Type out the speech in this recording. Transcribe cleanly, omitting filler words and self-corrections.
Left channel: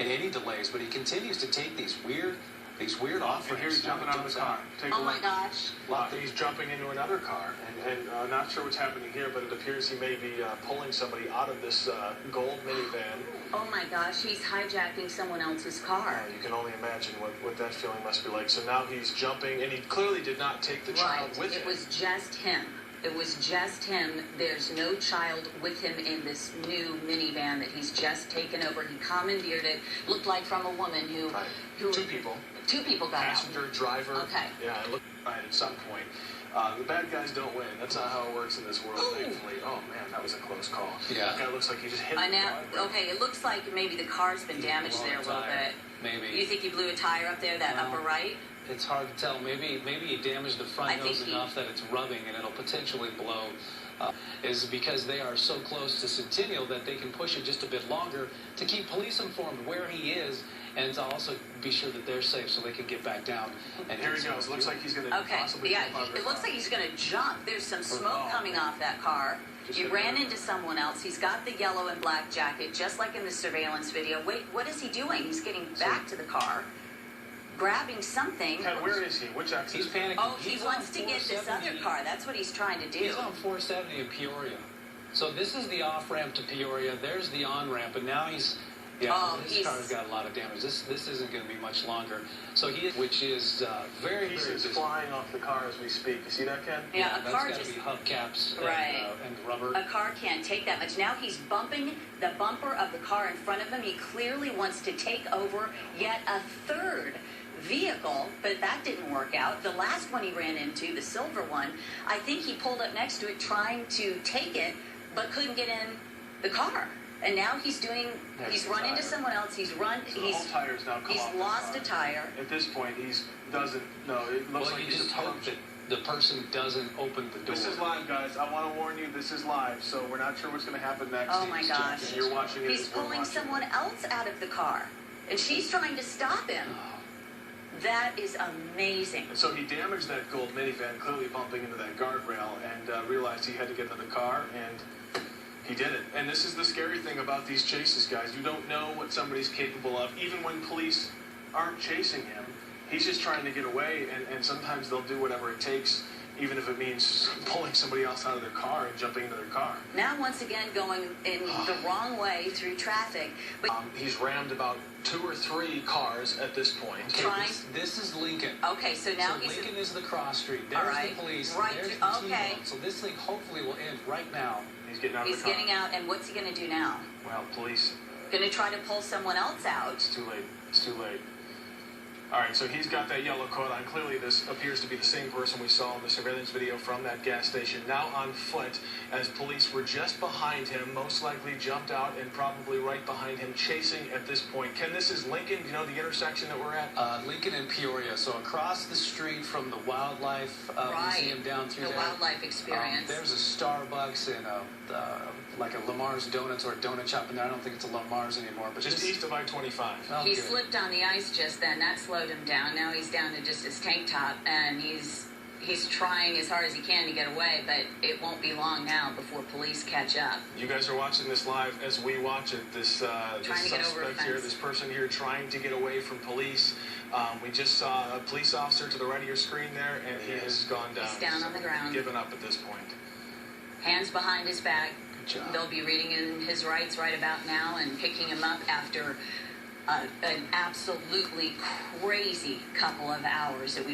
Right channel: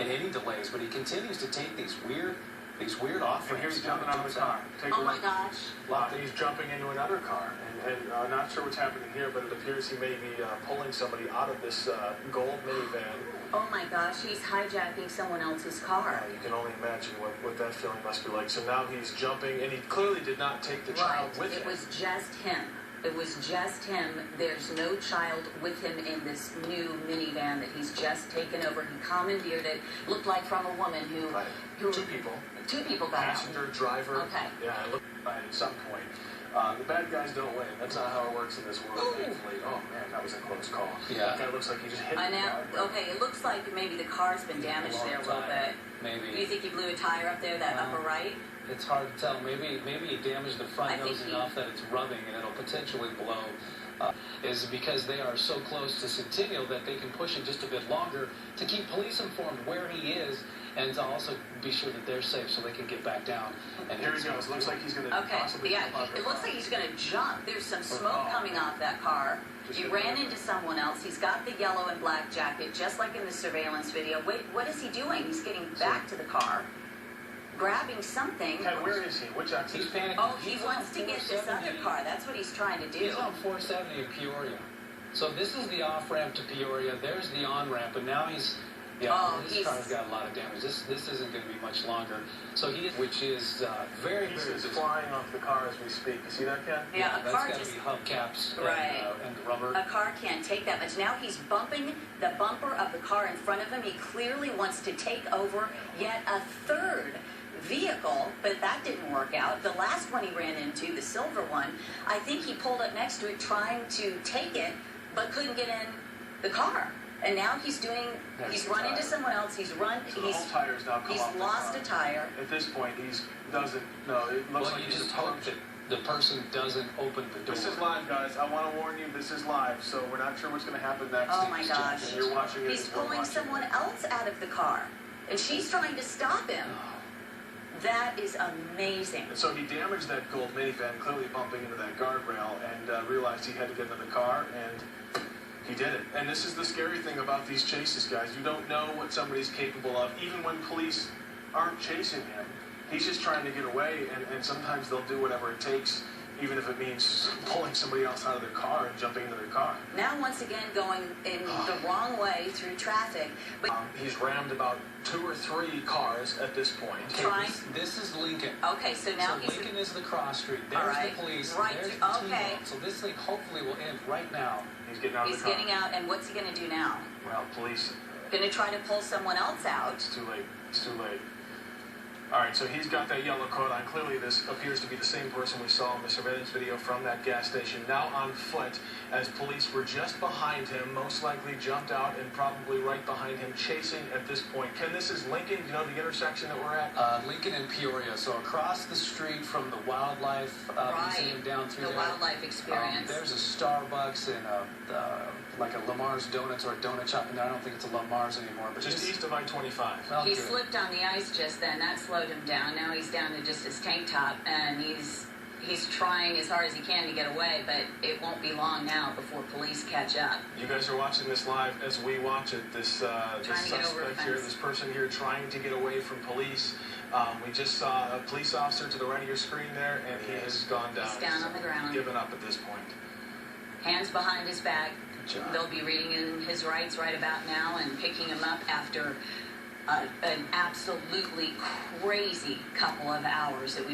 in any delays, but he continues to take these weird off ramps. And here he's jumping out of the car. Oh my gosh. He's jumping into another car, and not sure what's happening here, but it appears he may be pulling somebody out of this gold minivan. Oh my gosh, he's hijacking someone else's car. You can only imagine what that feeling must be like. So now he's jumping, and he clearly did not take the child with him. It was just him. It was just him. There's no child with him in this new minivan that he's just taken over. He commandeered it. Looked like from a woman who... Right. Two people. Two people got Passenger, out. driver. Okay. Yeah, it looked right at some point. The bad guys don't win. That's not how it works in this world, thankfully. Oh, man, that was a close call. Yeah. That guy looks like he just hit the guardrail. Okay, it looks like maybe the car's been damaged there a little bit. Maybe. You think he blew a tire up there, that upper right? It's hard to tell. Maybe he damaged the front nose enough that it's rubbing and it'll potentially blow. Is because they are so close to Centennial that they can push it just a bit longer to keep police informed where he is and to also be sure that they're safe so they can get back down. And here he goes. Looks like he's going to possibly jump out of the it looks like he's going to jump. There's some smoke coming off that car. He ran into someone else. He's got the yellow and black jacket, just like in the surveillance video. Wait, what is he doing? He's getting back to the car, grabbing something. Ted, where is he? Which exit? He's panicking. Oh, he wants to get this other car. That's what he's trying to do. He's on 470 in Peoria. So this is the off-ramp to Peoria. There's the on-ramp, and now his car's got a lot of damage. This isn't going to be much longer. So which is very He's flying off the car as we speak. You see that, Ken? Yeah, a car that's got to be hubcaps and rubber. A car can't take that much. Now he's bumping the bumper of the car in front of him. He clearly wants to take over yet a third vehicle, but that didn't work out. The last one he ran into, the silver one, I think he pulled up next to it trying to take it, but couldn't get in the car. And now he's run into someone else. So the whole tire's now come off the lost car. a tire. At this point, it looks like you he's just hope that the person doesn't open the door. This is live, guys. I want to warn you, this is live, so we're not sure what's going to happen next. Oh my gosh. And you're watching it. He's pulling someone else out of the car, and she's trying to stop him. That is amazing. And so he damaged that gold minivan, clearly bumping into that guardrail, and realized he had to get into the car, and he did it. And this is the scary thing about these chases, guys. You don't know what somebody's capable of. Even when police aren't chasing him, he's just trying to get away, and sometimes they'll do whatever it takes, even if it means pulling somebody else out of their car and jumping into their car. Now, once again, going in the wrong way through traffic. But he's rammed about 2 or 3 cars at this point. Okay, this is Lincoln. Okay, so now Lincoln is the cross street. There's the police. Right. There's the T-bone. So this thing hopefully will end right now. He's getting out of the car. He's getting out, and what's he going to do now? Well, police... Going to try to pull someone else out. It's too late. It's too late. All right, so he's got that yellow coat on. Clearly, this appears to be the same person we saw in the surveillance video from that gas station, now on foot, as police were just behind him, most likely jumped out and probably right behind him, chasing at this point. Ken, this is Lincoln, you know, the intersection that we're at? Lincoln and Peoria, so across the street from the Wildlife Museum down through there. The Wildlife Experience. There's a Starbucks and like a Lamar's Donuts or a donut shop in there. I don't think it's a Lamar's anymore. But just east of I-25. Well, he slipped on the ice just then. That slowed him down. Now he's down to just his tank top, and he's trying as hard as he can to get away, but it won't be long now before police catch up. You guys are watching this live as we watch it. This suspect here, this person here trying to get away from police. We just saw a police officer to the right of your screen there, and he has gone down. He's down on the ground. Given up at this point. Hands behind his back. Good job. They'll be reading in his rights right about now and picking him up after an absolutely crazy couple of hours that we